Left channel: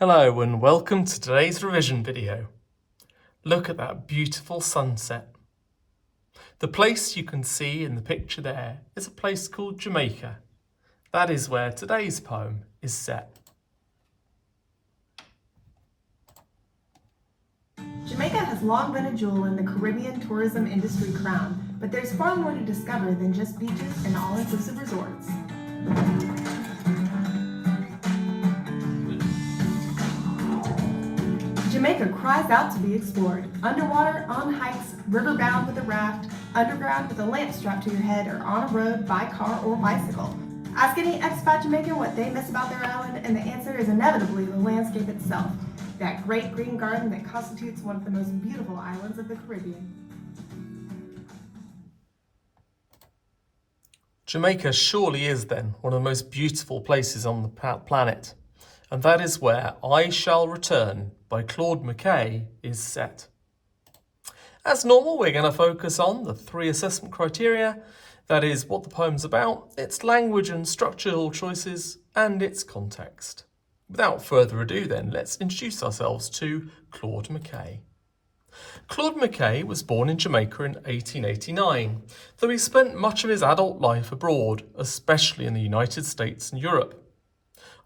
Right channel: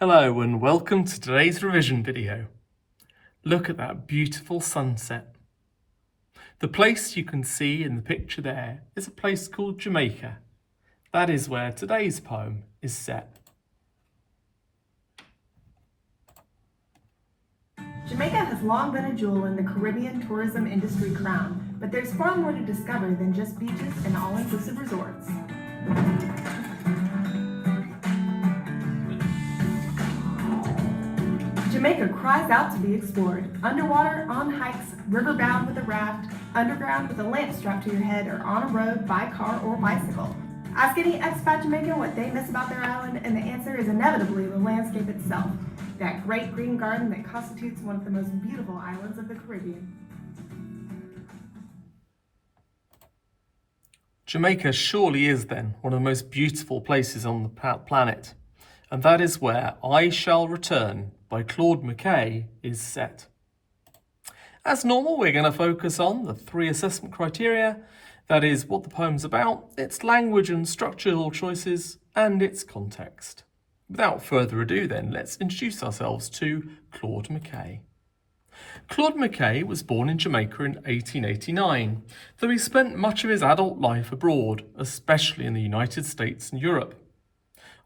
Hello and welcome to today's revision video. Look at that beautiful sunset. The place you can see in the picture there is a place called Jamaica. That is where today's poem is set. Jamaica has long been a jewel in the Caribbean tourism industry crown, but there's far more to discover than just beaches and all-inclusive resorts. Jamaica cries out to be explored. Underwater, on hikes, riverbound with a raft, underground with a lamp strapped to your head, or on a road by car or bicycle. Ask any expat Jamaican what they miss about their island, and the answer is inevitably the landscape itself. That great green garden that constitutes one of the most beautiful islands of the Caribbean. Jamaica surely is then one of the most beautiful places on the planet, and that is where I Shall Return by Claude McKay is set. As normal, we're going to focus on the 3 assessment criteria, that is what the poem's about, its language and structural choices, and its context. Without further ado then, let's introduce ourselves to Claude McKay. Claude McKay was born in Jamaica in 1889, though he spent much of his adult life abroad, especially in the United States and Europe.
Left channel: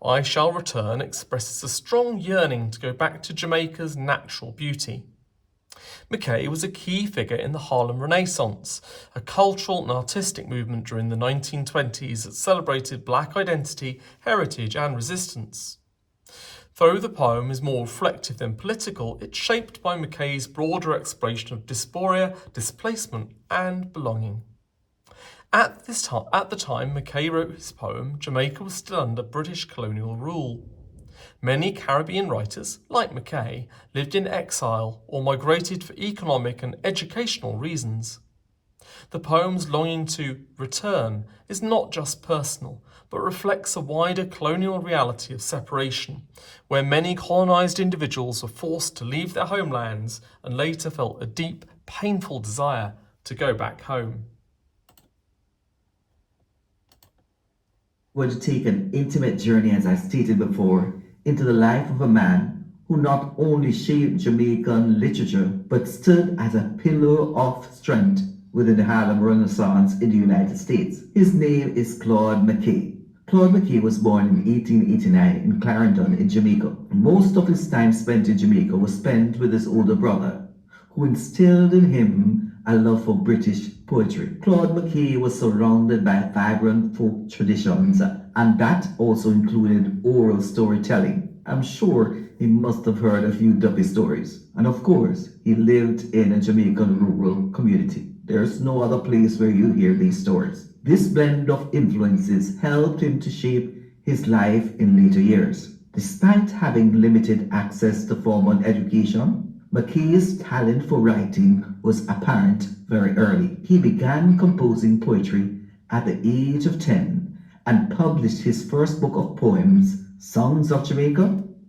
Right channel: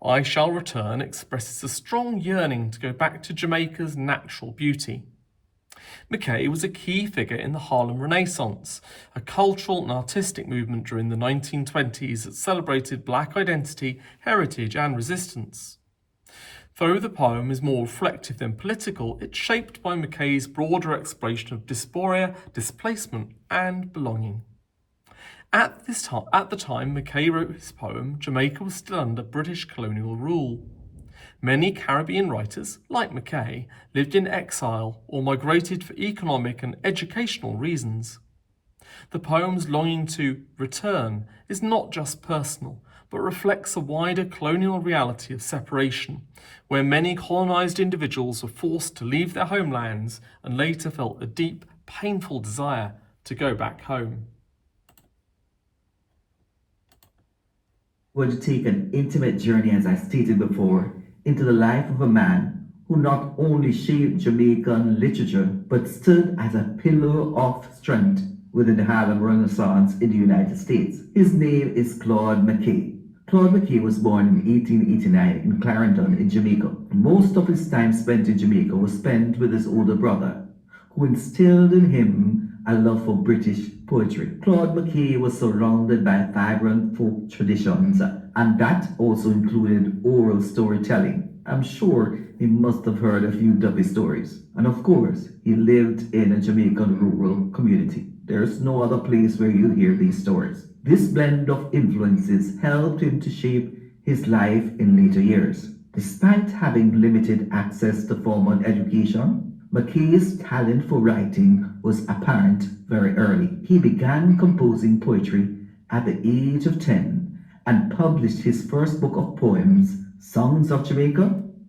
I Shall Return expresses a strong yearning to go back to Jamaica's natural beauty. McKay was a key figure in the Harlem Renaissance, a cultural and artistic movement during the 1920s that celebrated Black identity, heritage and resistance. Though the poem is more reflective than political, it's shaped by McKay's broader exploration of dysphoria, displacement and belonging. At the time McKay wrote his poem, Jamaica was still under British colonial rule. Many Caribbean writers, like McKay, lived in exile or migrated for economic and educational reasons. The poem's longing to return is not just personal, but reflects a wider colonial reality of separation, where many colonised individuals were forced to leave their homelands and later felt a deep, painful desire to go back home. We're to take an intimate journey, as I stated before, into the life of a man who not only shaped Jamaican literature, but stood as a pillar of strength within the Harlem Renaissance in the United States. His name is Claude McKay. Claude McKay was born in 1889 in Clarendon in Jamaica. Most of his time spent in Jamaica was spent with his older brother, who instilled in him a love for British poetry. Claude McKay was surrounded by vibrant folk traditions, and that also included oral storytelling. I'm sure he must have heard a few duppy stories. And of course, he lived in a Jamaican rural community. There's no other place where you hear these stories. This blend of influences helped him to shape his life in later years. Despite having limited access to formal education, McKay's talent for writing was apparent very early. He began composing poetry at the age of 10 and published his first book of poems, Songs of Jamaica,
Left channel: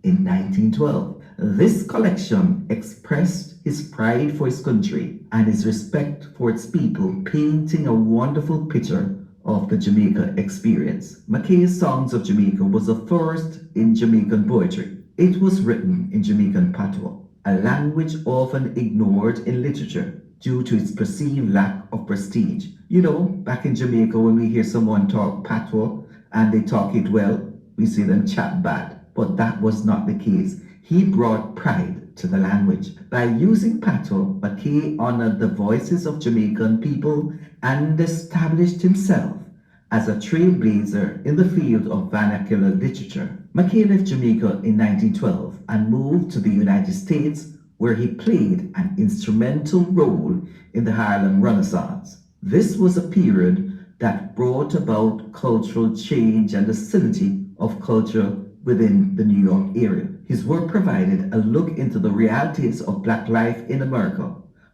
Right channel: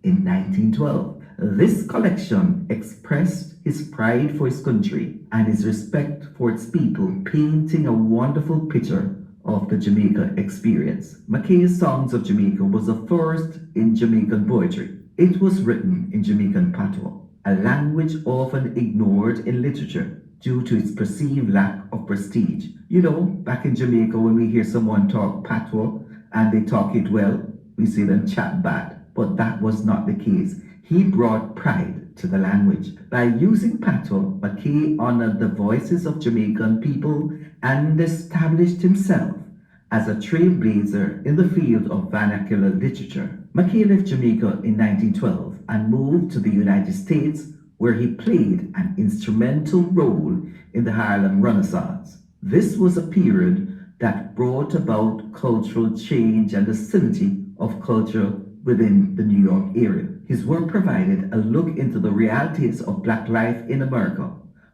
in 1912. This collection expressed his pride for his country and his respect for its people, painting a wonderful picture of the Jamaica experience. McKay's Songs of Jamaica was the first in Jamaican poetry. It was written in Jamaican patois, a language often ignored in literature due to its perceived lack of prestige. You know, back in Jamaica, when we hear someone talk patois and they talk it well, we see them chat bad. But that was not the case. He brought pride to the language. By using patois, McKay honored the voices of Jamaican people and established himself as a trailblazer in the field of vernacular literature. McKay left Jamaica in 1912 and moved to the United States, where he played an instrumental role in the Harlem Renaissance. This was a period that brought about cultural change and the facility of culture within the New York area. His work provided a look into the realities of Black life in America,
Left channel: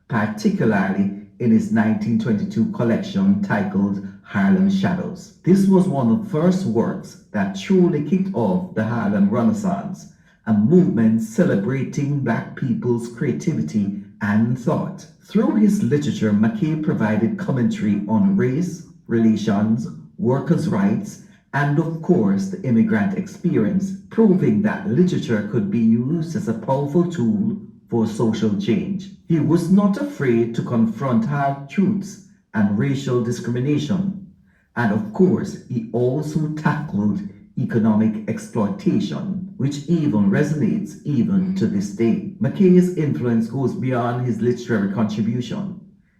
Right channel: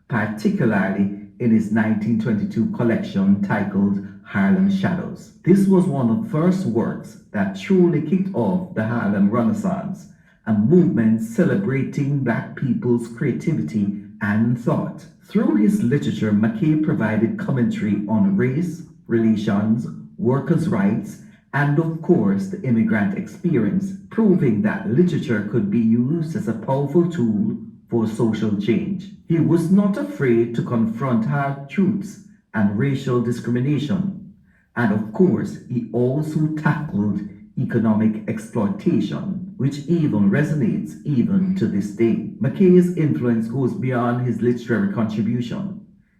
particularly in his 1922 collection titled Harlem Shadows. This was one of the first works that truly kicked off the Harlem Renaissance, a movement celebrating Black people's creativity and thought. Through his literature, McKay provided commentary on race, relations, workers' rights, and of course the immigrant experience, proving that literature could be used as a powerful tool for social change. He was not afraid to confront hard truths and racial discrimination, and of course he also tackled economic exploitation, which even resonates even to this day. McKay's influence goes beyond his literary contribution.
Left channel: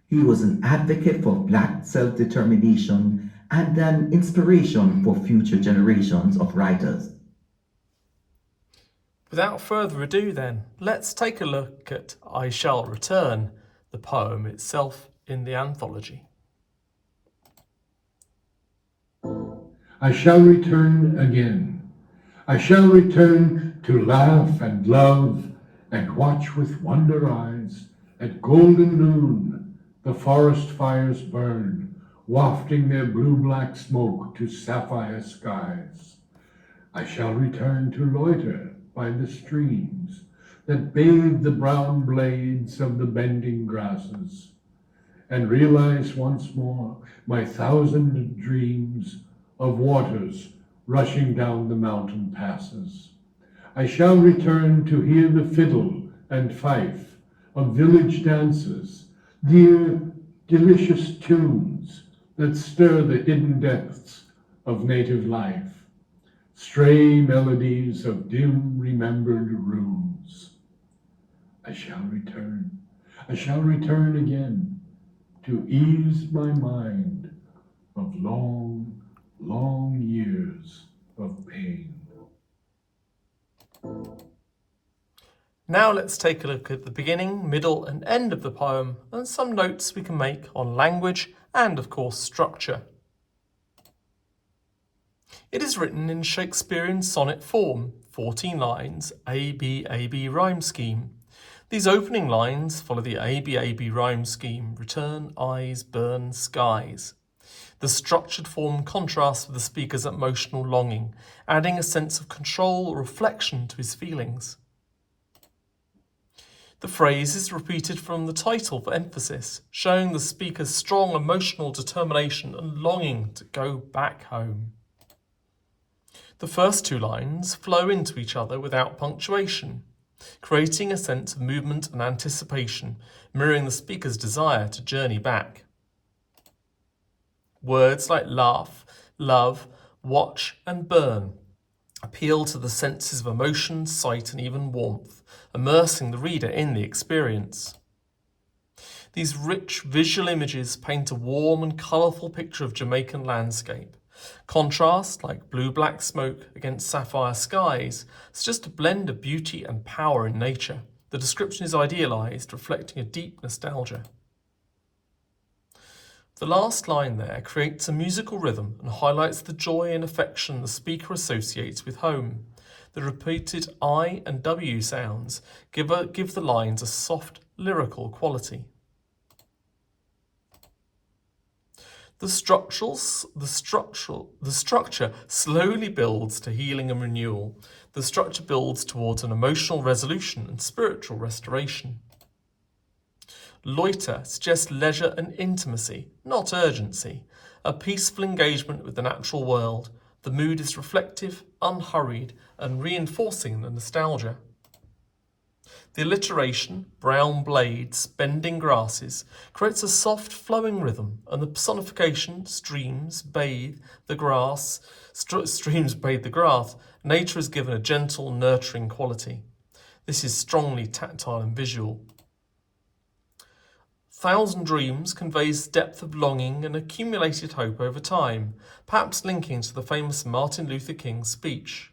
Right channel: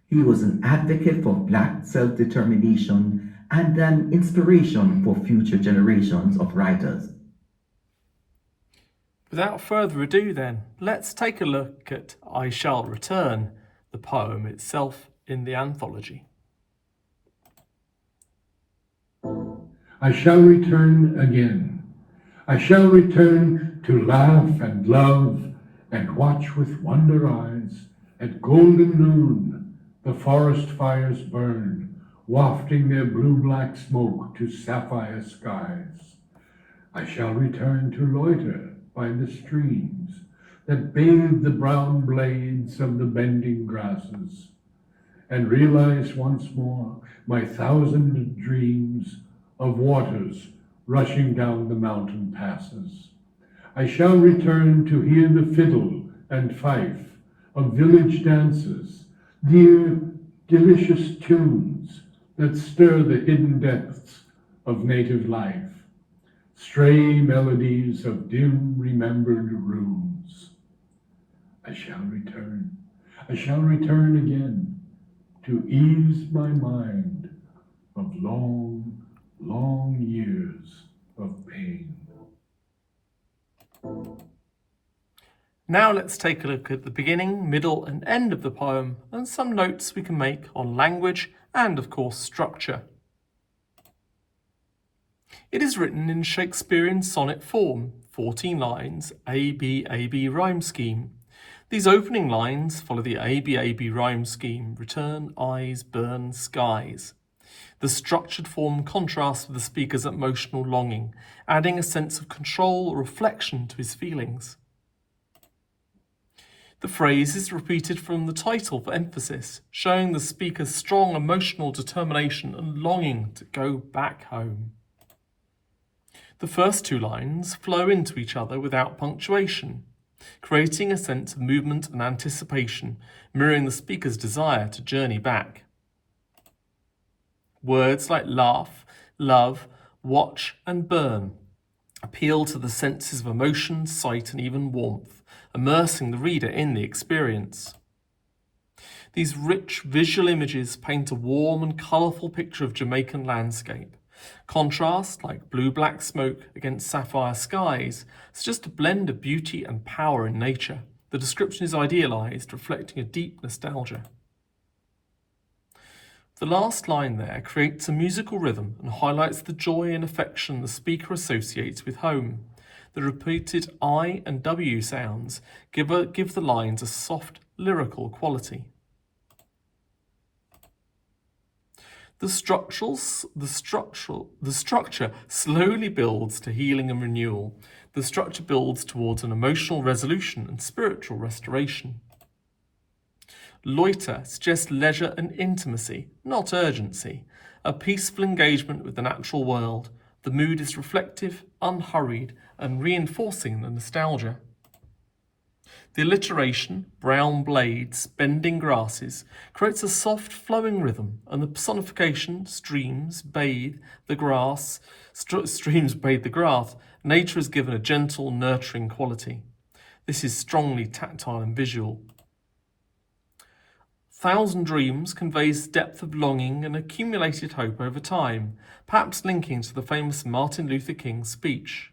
He was an advocate for Black self-determination and an inspiration for future generations of writers. Without further ado then, let's take a look at I Shall Return, the poem itself in the anthology. I shall return again. I shall return to laugh and love and watch with wonder eyes at golden noon the forest fires burn, wafting their blue-black smoke to sapphire skies. I shall return to loiter by the streams that bathe the brown blades of the bending grasses, and realize once more my thousand dreams of waters rushing down the mountain passes. I shall return to hear the fiddle and fife of village dances, dear, delicious tunes that stir the hidden depths of native life, stray melodies of dim remembered rooms. I shall return again, to ease my mind of long, long years of pain. Now let's take a look at the beginning, middle and end of the poem and some notes we can make on language and of course structure. It is written in Shakespearean sonnet form, 14 lines, A-B rhyme scheme. These opening lines follow the A-B rhyme scheme, return, eyes, burn, skies. The structured form contrasts with the speaker's emotional longing, adding a sense of control or reflection to his feelings. The phrase is repeated from the title for emphasis, showing the speaker's strong emotional determination and longing to go back home. The first two lines flow into each other without punctuation, creating a sense of movement and anticipation, mirroring the speaker's desire to journey back. Words like laugh, love, watch and burn appeal to the senses of emotion, sight and even warmth, immersing the reader in the experience. These rich visual images paint a warm and colourful picture of Jamaican landscape. Contrast, like blue-black smoke against sapphire skies, suggests a blend of beauty and power in nature. The description is idealised, reflecting a deep nostalgia. The last line there creates a musical rhythm and highlights the joy and affection the speaker associates with home. The repeated I and W sounds give the lines a soft, lyrical quality. The structure slowly builds to healing and renewal. The structure builds towards an emotional resolution and spiritual restoration. Loiter suggests leisure and intimacy, not urgency, a peaceful engagement with the natural world. The mood is reflective, unhurried, and reinforcing the nostalgia. The alliteration, brown blades, bending grasses, creates a soft flowing rhythm, and the personification, streams bathe the grass, nature is given a gentle, nurturing quality. This is strongly tactile and visual. Thousand Dreams conveys depth of longing and accumulated hope over time, perhaps linking to the famous Martin Luther King speech.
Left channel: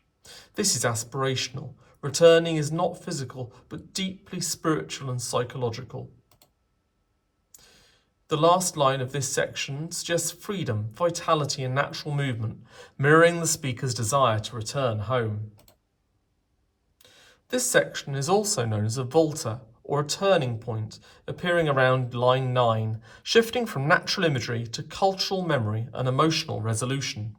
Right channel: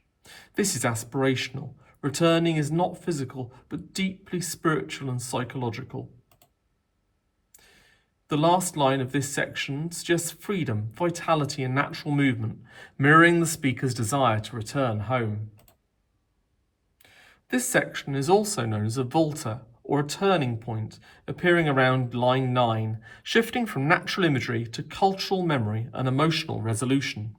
This is aspirational. Returning is not physical, but deeply spiritual and psychological. The last line of this section suggests freedom, vitality and natural movement, mirroring the speaker's desire to return home. This section is also known as a volta, or a turning point, appearing around line 9, shifting from natural imagery to cultural memory and emotional resolution.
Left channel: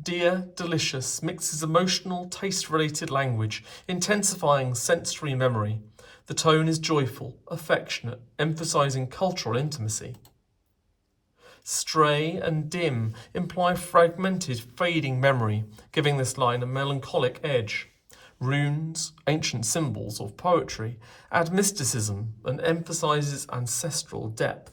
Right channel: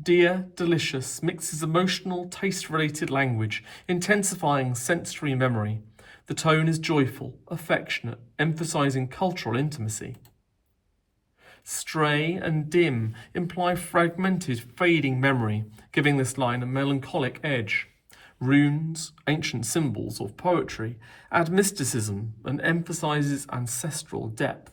Dear, delicious mixes emotional, taste-related language, intensifying sensory memory. The tone is joyful, affectionate, emphasising cultural intimacy. Stray and dim imply fragmented, fading memory, giving this line a melancholic edge. Runes, ancient symbols of poetry, add mysticism and emphasizes ancestral depth.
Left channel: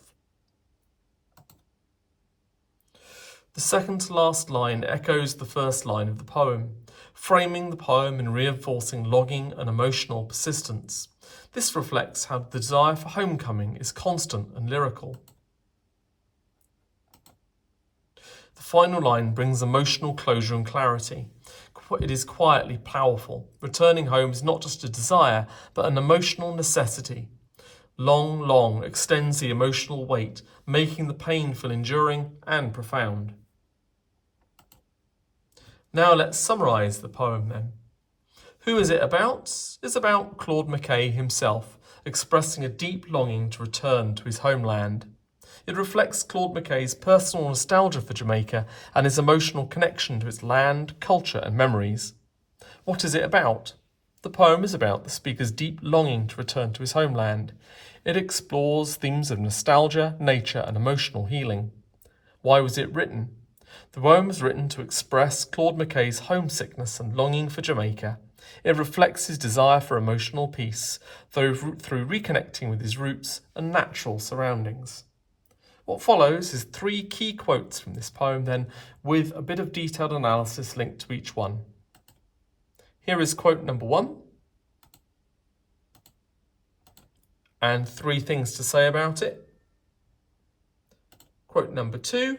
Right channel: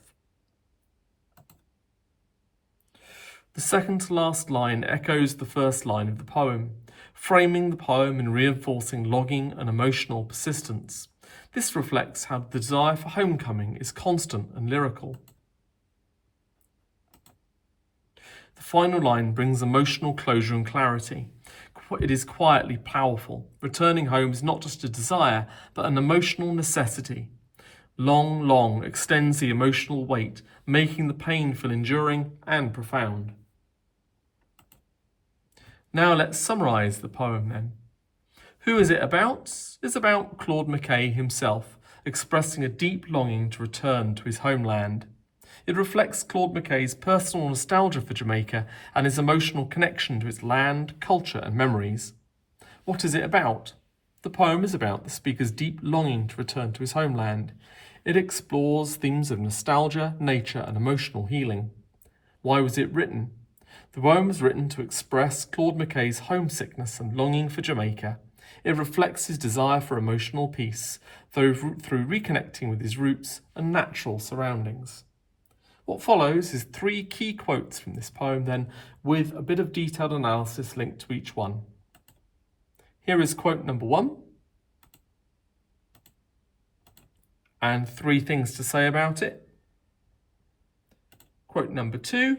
The second to last line echoes the first line of the poem, framing the poem and reinforcing longing and emotional persistence. This reflects how the desire for homecoming is constant and lyrical. The final line brings emotional closure and clarity. It is quietly powerful. Returning home is not just a desire, but an emotional necessity. Long, long extends the emotional weight, making the pain feel enduring and profound. Now let's summarise the poem then. Who is it about? It's about Claude McKay himself, expressing a deep longing to return to his homeland. It reflects Claude McKay's personal nostalgia for Jamaica and his emotional connection to its land, culture and memories. What is it about? The poem is about the speaker's deep longing to return to his homeland. It explores themes of nostalgia, nature and emotional healing. Why was it written? The poem was written to express Claude McKay's homesickness and longing for Jamaica. It reflects his desire for emotional peace, through reconnecting with his roots and natural surroundings. What follows is 3 key quotes from this poem then, with a bit of detailed analysis linked to each one. Here is quote number 1, and 3 things to say about it. Quote number 2,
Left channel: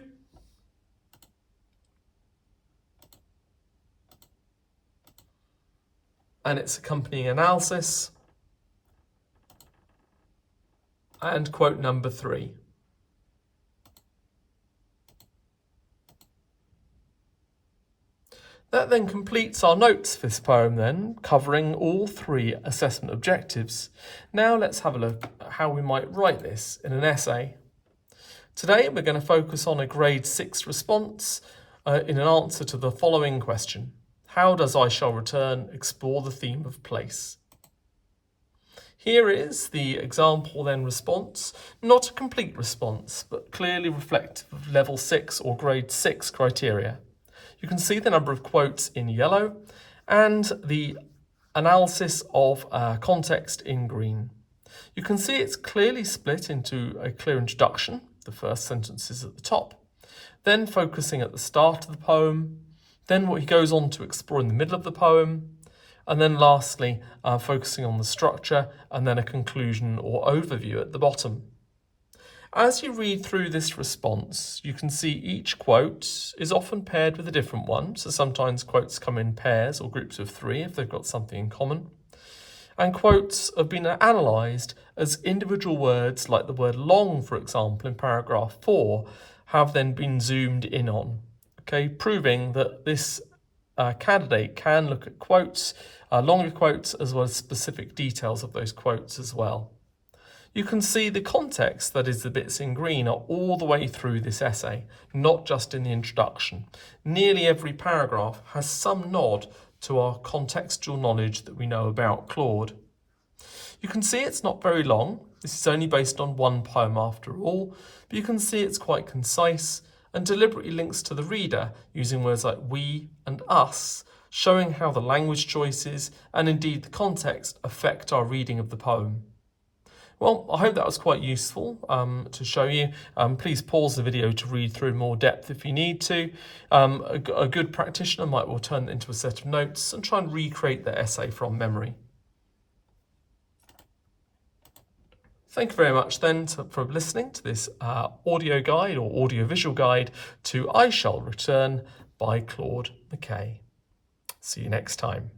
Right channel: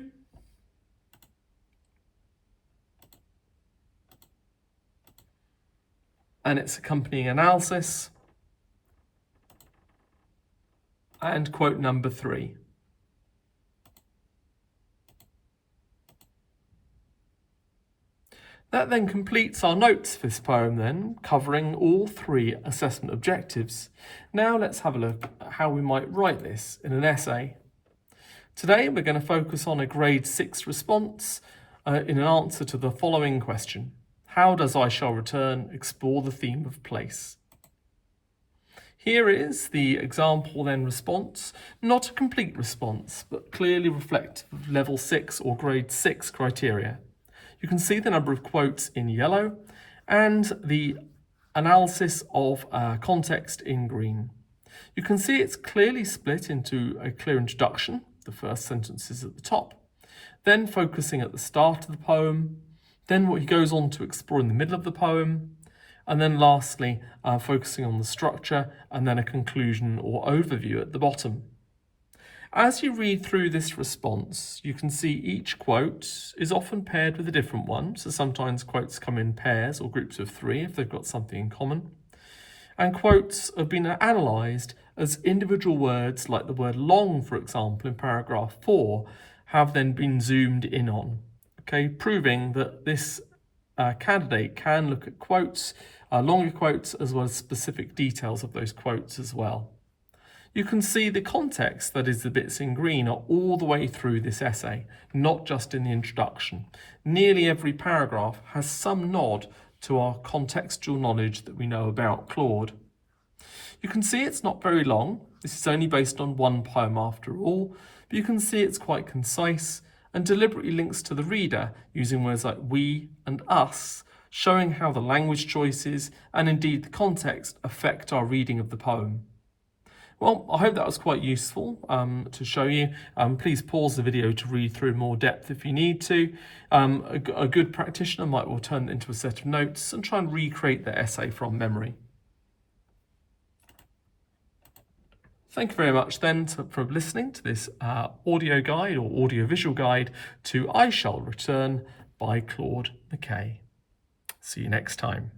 and its accompanying analysis, and quote number 3. That then completes our notes for this poem then, covering all 3 assessment objectives. Now let's have a look at how we might write this in an essay. Today we're going to focus on a grade 6 response in an answer to the following question. How does I Shall Return explore the theme of place? Here is the example then response, not a complete response, but clearly reflective of level 6 or grade 6 criteria. You can see the number of quotes in yellow and the analysis of context in green. You can see it's clearly split into a clear introduction, the first sentence is at the top, then focusing at the start of the poem, then what he goes on to explore in the middle of the poem, and then lastly focusing on the structure and then a conclusion or overview at the bottom. As you read through this response, you can see each quote is often paired with a different one, so sometimes quotes come in pairs or groups of 3 if they've got something in common. And quotes have been analysed as individual words, like the word long, for example, in paragraph 4, have then been zoomed in on, okay, proving that this candidate can look at quotes, longer quotes, as well as specific details of those quotes as well. You can see the context, that is the bits in green, are all the way through this essay, not just in the introduction. Nearly every paragraph has some nod to our contextual knowledge that we know about Claude. You can see it's not very long. This is only based on 1 poem after all, but you can see it's quite concise and deliberately links to the reader using words like we and us, showing how the language choices and indeed the context affect our reading of the poem. Well, I hope that was quite useful to show you. Please pause the video to read through more depth if you need to. A good practitioner might well turn it into a set of notes and try and recreate the essay from memory. Thank you very much then for listening to this audio guide or audio-visual guide to I Shall Return by Claude McKay. See you next time.